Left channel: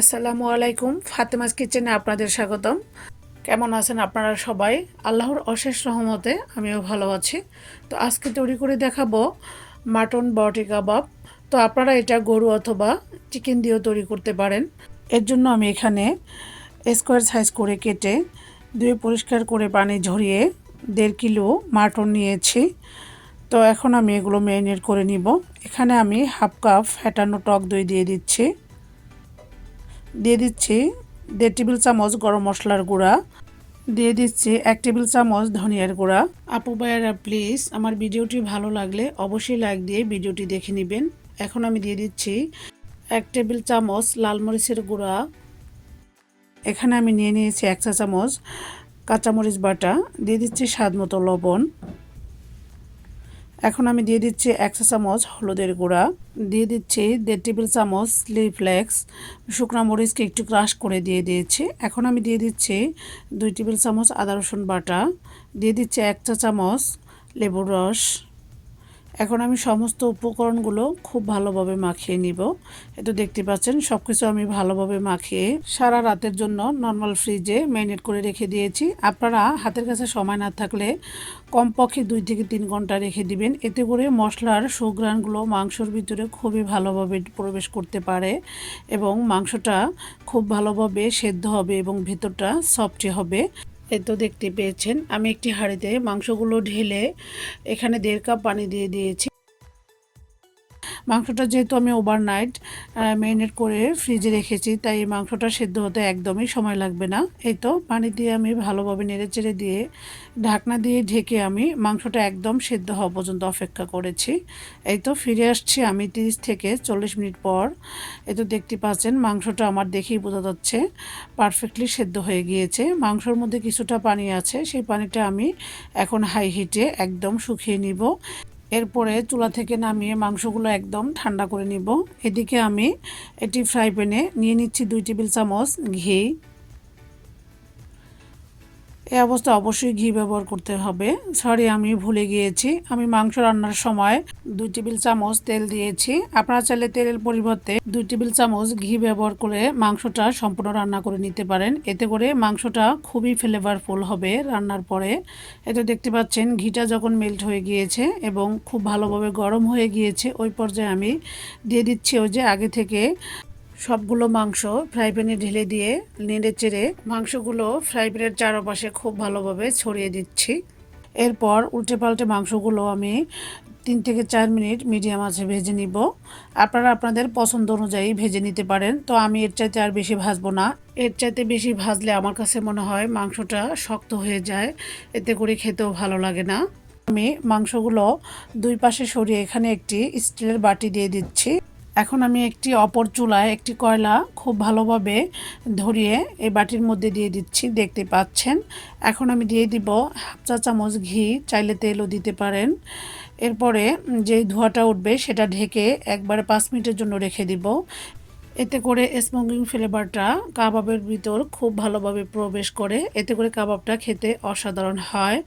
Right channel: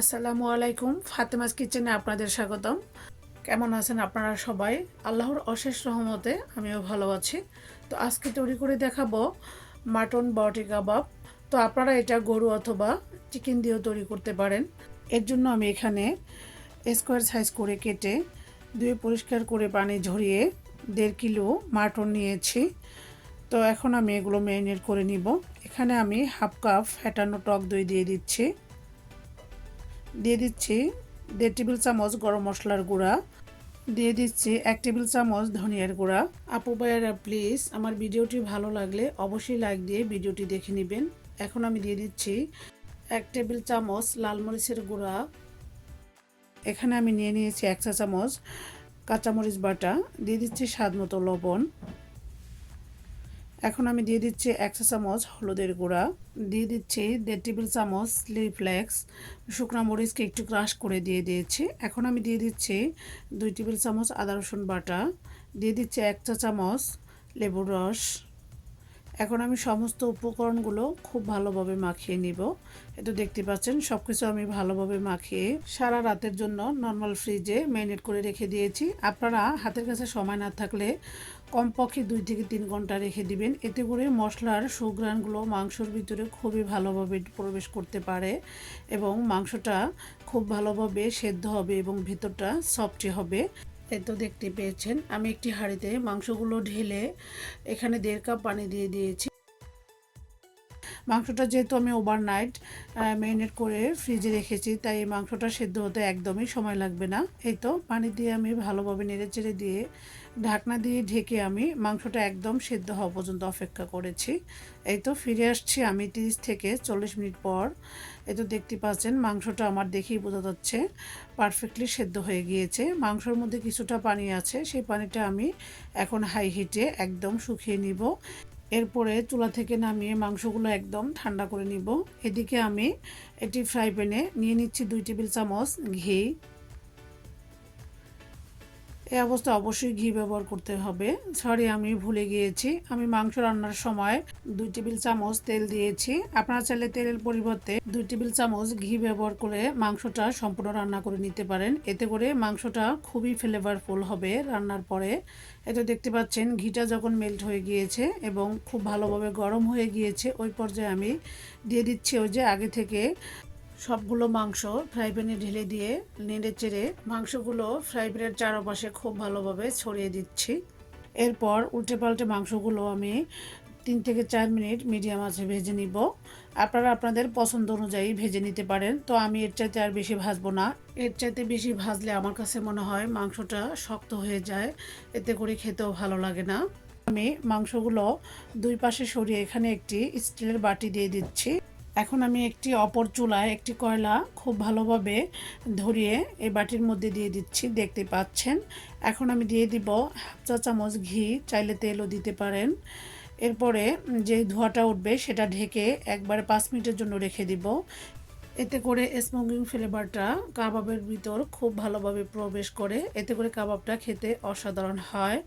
আসসালামু আলাইকুম, ফাতেমাস কিচেনে আপনাদের স্বাগতম। কেমন আছেন আপনারা সবাই? আল্লাহর অশেষ রহমতে আমিও ভালো আছি। তো আজকে তৈরি করে দেখাবো মাটন বটি কাবাব। তো আপনারা এটা গরু অথবা চিকেন দিয়েও তৈরি করতে পারেন। এর জন্য আমি এখানে স্কোয়ার সাইজ করে কেটে ধুয়ে পরিষ্কার করে পানি ঝরিয়ে দেড় কিলো মাটন নিয়েছি। তো এখন আমি এগুলো ম্যারিনেট করে নিব। এখানে আমি হাফ কাপ ফ্যাটানো টক দই দিয়ে দিচ্ছি। দিয়ে দিচ্ছি দেড় টেবিল চামচ গরম মশলার গুঁড়া। দিয়ে দিচ্ছি এক টেবিল চামচ ধনিয়ার গুঁড়া। আপু ভাইয়ারা প্লিজ আমার ভিডিওটি ভালো লাগলে অবশ্যই লাইক দিয়ে ভিডিওটি দেখে নেবেন। এখন আমি দিয়ে দিচ্ছি এক টেবিল চামচ লাল মরিচের গুঁড়া। এখানে আমি নিয়ে নিয়েছি এক চা চামচ কাঁচামরিচ বাটা। দিয়ে দিচ্ছি স্বাদ মতো লবণ। এখন আমি দিয়ে দিচ্ছি একশো চামচ হলুদের গুঁড়া। দিয়ে দিচ্ছি দেড় টেবিল চামচ স্লি ফ্লেক্স শুকনো মরিচকে একটু ক্রাশ করে দিয়ে দিয়েছি। এখন আমি দিয়ে দিচ্ছি দুই টেবিল চামচ আদা রসুন বাটা। দিয়ে দিচ্ছি এক চা চামচ লেবুর রস। এখন আমি সমস্ত উপকরণগুলো খুব ভালোভাবে মাখিয়ে নিব। এটা দেখতে পাচ্ছেন সব কিছু আমি ভালোভাবে মাখিয়ে সারা রাতের জন্য নর্মাল ফ্রিজে ম্যারিনেট করে রেখে দিয়েছি। আপনারা হাতের কাছে সময় না থাকলে কমপক্ষে দুই থেকে তিন ঘণ্টা রেখে দিবেন। এতে করে মশলার সুগ্রানগুলো মাংসর ভিতরে খুবই ভালোভাবে প্রবেশ করতে পারে এবং মাংসটা খুব ভালোভাবে সেদ্ধ হবে এবং ভেতরটা সফটি হবে। এই তো দেখতে পেয়েছেন। আমি একটি হাঁড়িতে মাংসগুলো ঢেলে এখানে দেড় কাপ পানি দিয়ে দিয়েছি। মাংসটা যেহেতু আমি ওভারনাইট ম্যারিনেট করে ফ্রিজে রেখেছি, তাই এই মাংসটা সেদ্ধ হতে একদমই সময় লাগবে না। এই তো পানি দিয়ে আমি ভালোভাবে নেড়ে চেড়ে দিয়ে ঢাকনা দিয়ে ঢেকে আমি মাংসটা একদম সেদ্ধ হওয়া পর্যন্ত অপেক্ষা করেছি। এই তো ফিরে আসছি আমি তিরিশ থেকে চল্লিশ মিনিট পর। এই তো দেখতে পাচ্ছেন মাংসটা আমার দেখেই বোঝা যাচ্ছে পারফেক্টলি সেদ্ধ হয়ে গিয়েছে। মাংসর মধ্যে কিছুটা পানি আছে, সেই পানিটা আমি এখন হাই হিটে একদম শুকিয়ে নিব। এরপরে চুলা থেকে নামিয়ে মাংসগুলো একদম ঠান্ডা করে নিব। এদিকে আমি এটি ফ্রাই প্যানে নিয়ে নিচ্ছি দুই টেবিল চামচ ঘি। এই অবস্থা অবশ্যই ঘি ব্যবহার করতে হবে। সরি, আমি ভুলে গিয়েছি। আমি মাংস রান্নার সময় দুই টেবিল চামচ তেল দিয়েছি। আপনারা চাইলে তেলের পরিবর্তে দুই টেবিল চামচ ঘি ব্যবহার করে মাংসটা সম্পূর্ণ রান্না করে নিতে পারেন। এতে করে মাংসটা খুবই ফ্লেভারফুল হবে রান্নার পরে। এতে দেখতে পাচ্ছেন, ঘিটা যখন মেল্ট হয়ে গিয়েছে এবং খুব ভালোভাবে গরম হয়ে গিয়েছে, ওই পর্যায়ে আমি দিয়ে দিচ্ছি ওই যে আগে থেকে সবগুলো মাংস ফ্রাই প্যানে ঢেলে দিয়ে নেড়ে চেড়ে মাংসগুলো ফ্রাই প্যানের চারপাশে খুব ভালোভাবে ছড়িয়ে দিচ্ছি। এরপর উল্টে পাল্টে মাংসগুলো আমি তিন থেকে চার মিনিট মিডিয়াম আছে ভেজে নিব। আপনারা আপনাদের পছন্দ অনুযায়ী ভেজে নিতে পারেন। তো আমি এর চাইতে আর বেশি ভাজবো না। এর চাইতে বেশি ভাজলে আমার কাছে মনে হয় মাংসটা শক্ত হয়ে যায়। এতে করে খেতেও ভালো লাগে না। আমি মাংসগুলো দুই পাশে সরিয়ে এখানে একটি স্টিলের বাটি দিয়ে দিচ্ছি। এখন আমি একটি অপর চুলায় একটি কয়লা খুব ভালোভাবে ধরিয়ে এই বাটির মধ্যে দিয়ে দিচ্ছি, দেখতে পাচ্ছেন। এখন আমি দিয়ে দিব হাফ চা চামচ ঘি, চাইলে তেলও দিতে পারেন। এরপরে যেই ধোঁয়াটা উঠবে সেটা ঢেকে একবারে পাঁচ মিনিটের জন্য রেখে দিব। এতে করে স্মোকিং ফ্লেভারটা কাবাবের ভিতর খুব ভালোভাবে প্রবেশ করে। এতে করে কাবাবটা খেতে অসাধারণ হয়।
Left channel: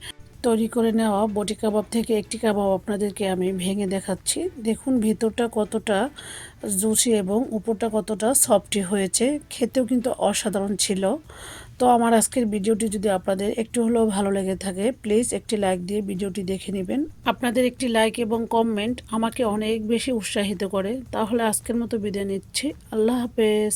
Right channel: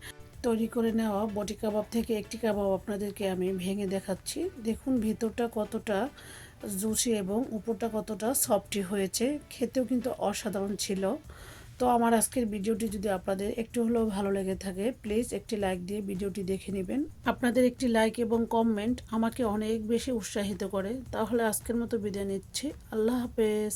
তৈরি করে নেওয়া বটি কাবাব থেকে একটি কাবাব আপনাদেরকে আমি ভেঙে দেখাচ্ছি। দেখুন ভেতরটা কতটা জুসি এবং উপরটা কতটা সফটি হয়েছে। খেতেও কিন্তু অসাধারণ ছিল। তো আমার আজকের ভিডিওটি যদি আপনাদের একটু হলেও ভালো লেগে থাকে, প্লিজ একটি লাইক দিয়ে ভিডিওটি দেখে নেবেন। আপনাদের একটি লাইক এবং কমেন্ট আমাকে অনেক বেশি উৎসাহিত করে। তাহলে আজকের মতো বিদায় নিচ্ছি। আল্লাহ হাফেজ।